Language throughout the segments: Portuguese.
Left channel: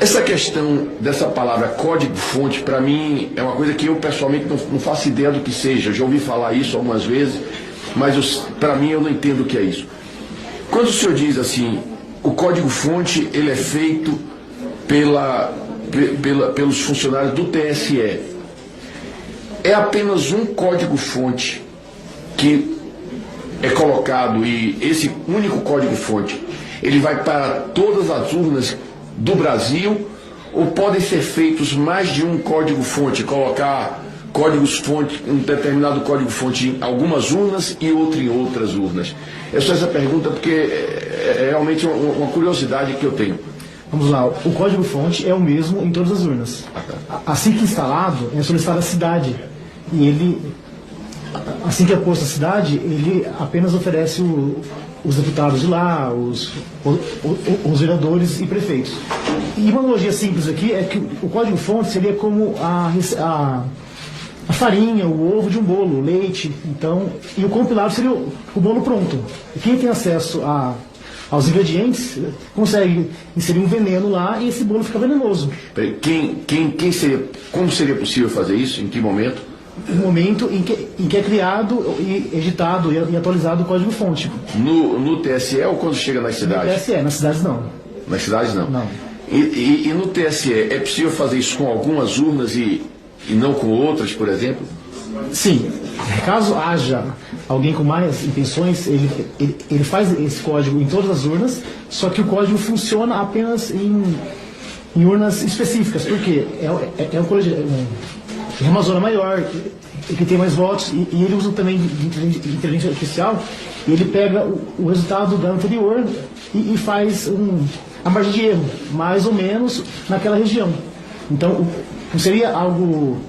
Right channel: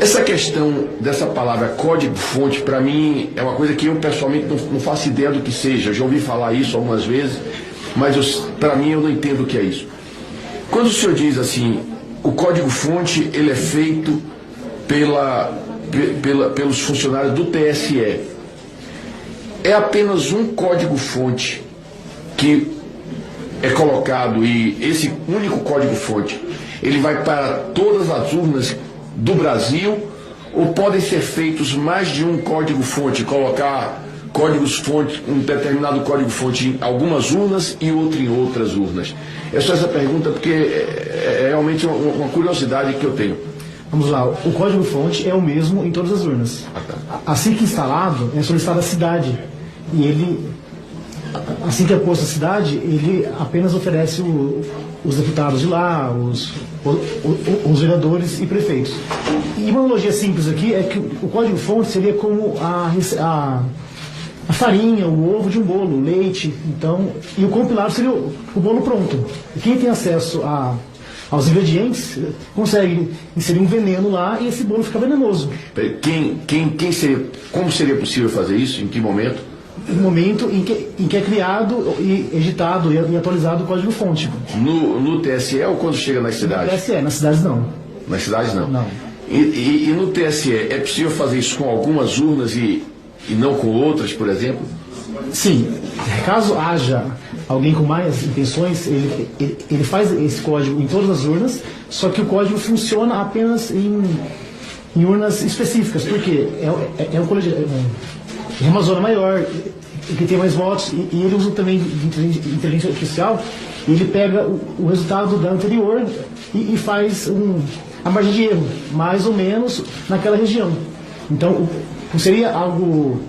Essa questão dessa palavra código-fonte, para mim, é uma coisa que eu pessoalmente não faço ideia do que seja. Já ouvi falar isso algumas vezes, mas para mim eu não entendo o que é isso. Quando o senhor diz assim, o código-fonte ele é feito pelos funcionários do TSE, é apenas um código-fonte que é colocado, e esse único código-fonte ele vai para todas as urnas do Brasil, ou podem ser feitos mais de um código-fonte, colocar códigos-fonte, um determinado código-fonte em algumas urnas e outro em outras urnas? É só essa pergunta porque é realmente uma curiosidade que eu tenho. Vamos lá, o código-fonte é o mesmo em todas as urnas. Assim que instalado, é solicitada a cidade. E ele, assim que é posto a cidade, ele apenas oferece os deputados de lá, os vereadores e prefeitos. E uma analogia simples aqui é que o código-fonte seria como a farinha, o ovo de um bolo, o leite. Então, e o compilado seria o bolo pronto. E quem tem acesso aos ingredientes consegue inserir um veneno lá e esse bolo fica venenoso. Como seria possível fazer isso? Em que momento? No momento em que é criado e editado e atualizado o código-fonte. No TSE ou quando chega nas cidades? No TSE, nas cidades não. Nas cidades não? Não. E no TSE, é possível fazer isso com algumas urnas e não com outras, por exemplo? Sim. Caso haja alguém com mais intenções, ele faz esse código em todas as urnas, só que o código funciona apenas em urnas específicas, porque é uma zona maior, que tem mais votos, e ele usa também de inteligência artificial, e ele pega o resultado da anterior e faz a margem de erro, mais ou menos naquela região. Então, não seria algo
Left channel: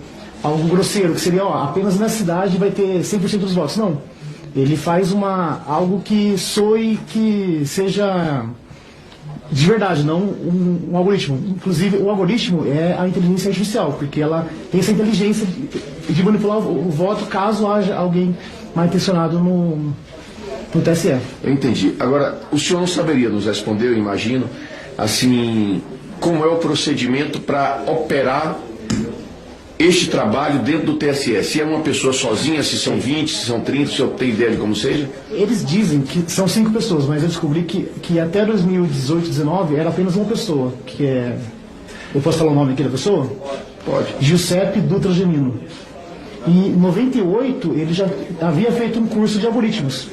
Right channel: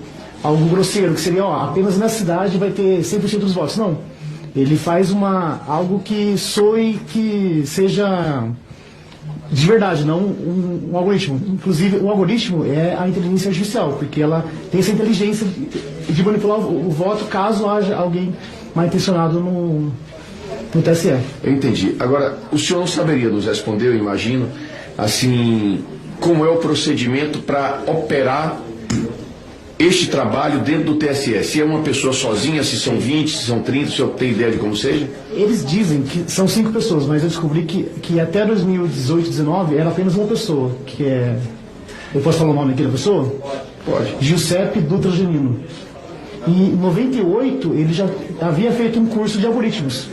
grosseiro, que seria, apenas na cidade vai ter 100% dos votos. Não. Ele faz algo que soe, que seja de verdade, não um algoritmo. Inclusive, o algoritmo é a inteligência artificial, porque ela tem essa inteligência de manipular o voto caso haja alguém mal intencionado no TSE. Eu entendi. Agora, o senhor não saberia nos responder, eu imagino, assim, como é o procedimento para operar este trabalho dentro do TSE? Se é uma pessoa sozinha, se são 20, se são 30, o senhor tem ideia de como seja? Eles dizem que são 5 pessoas, mas eu descobri que até 2018, 2019 era apenas uma pessoa, que é... Eu posso falar o nome aqui da pessoa? Pode. Giuseppe Dutra Gemino. E em 98 ele já havia feito um curso de algoritmos.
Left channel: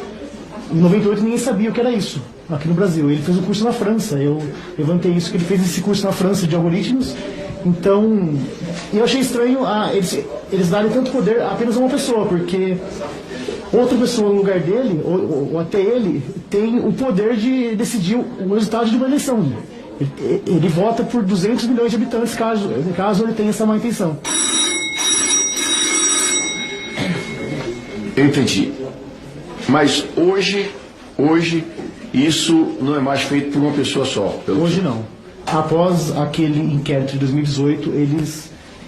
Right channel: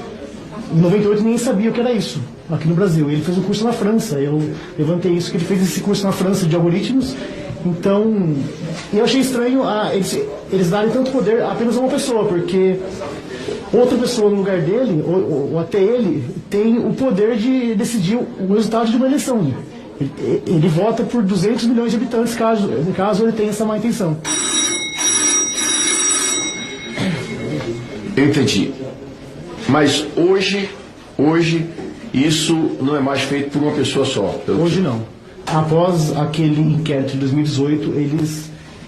Em 98 ninguém sabia o que era isso aqui no Brasil. Ele fez um curso na França. Eu levantei isso, que ele fez esse curso na França de algoritmos. Então, eu achei estranho eles darem tanto poder a apenas a uma pessoa, porque outra pessoa no lugar dele, ou até ele, tem o poder de decidir o resultado de uma eleição. Ele vota por 200 milhões de habitantes, caso ele tenha essa má intenção. Eu entendi. Mas hoje, isso não é mais feito por uma pessoa só? Hoje não. Após aquele inquérito de 2018,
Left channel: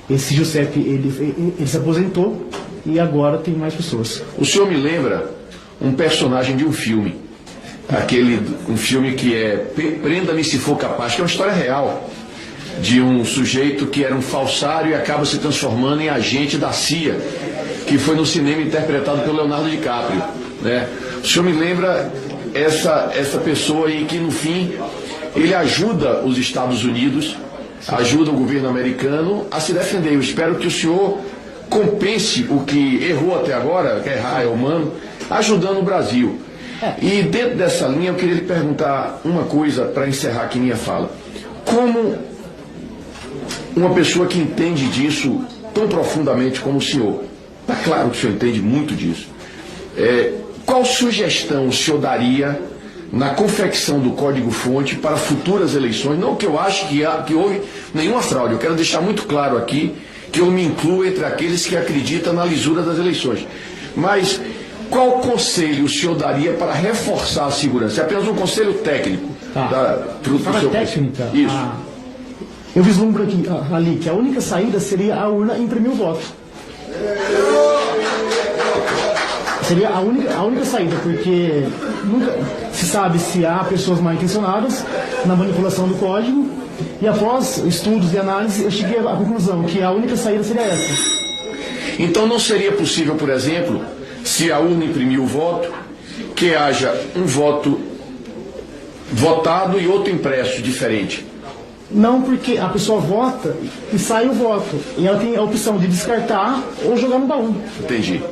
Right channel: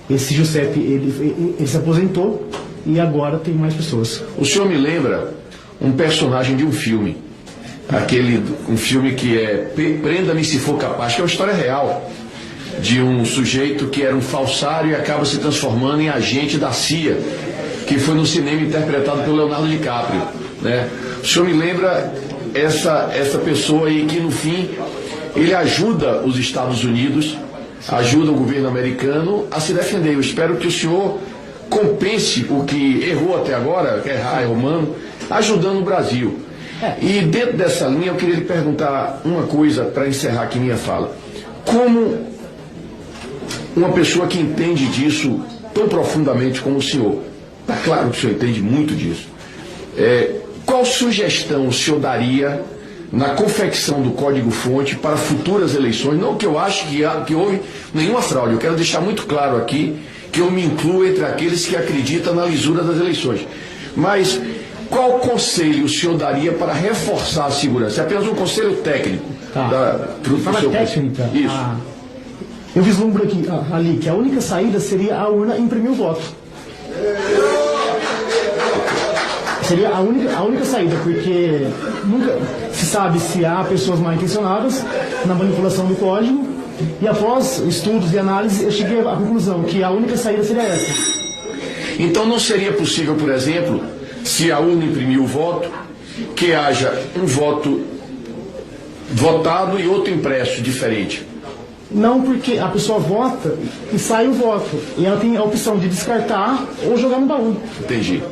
esse Giuseppe, ele se aposentou e agora tem mais pessoas. O senhor me lembra um personagem de um filme, um filme que é Prenda-me se for capaz, que é uma história real, de um sujeito que era um falsário e acaba se transformando em agente da CIA, que foi no cinema interpretado pelo Leonardo DiCaprio, né? O senhor me lembra essa pessoa aí que no fim ele ajuda os Estados Unidos, ajuda o governo americano a se defender. Eu espero que o senhor compense o que errou até agora, que errar é humano, ajudando o Brasil. E dentro dessa linha eu queria lhe perguntar uma coisa para encerrar aqui minha fala. Como uma pessoa que entende disso tão profundamente como o senhor, está claro que o senhor entende muito disso, qual sugestão o senhor daria na confecção do código-fonte para futuras eleições? Não que eu acho que houve nenhuma fraude, eu quero deixar muito claro aqui que eu me incluo entre aqueles que acreditam na lisura das eleições. Mas qual conselho o senhor daria para reforçar a segurança? É apenas um conselho técnico. Fala técnica. Isso. Eu vislumbro ali que a única saída seria a urna imprimir o voto. Seria a única saída, porque nunca se sabe se há pessoas mal intencionadas na manipulação do código E após estudos e análise, eu cheguei à conclusão que a única saída seria essa. Então não seria possível, por exemplo, se a urna imprimir o voto, que haja um voto votado e outro impresso diferente? Não, porque a pessoa vota e sai o voto. E ela tem a opção de descartar ou jogar no baú. Entendi.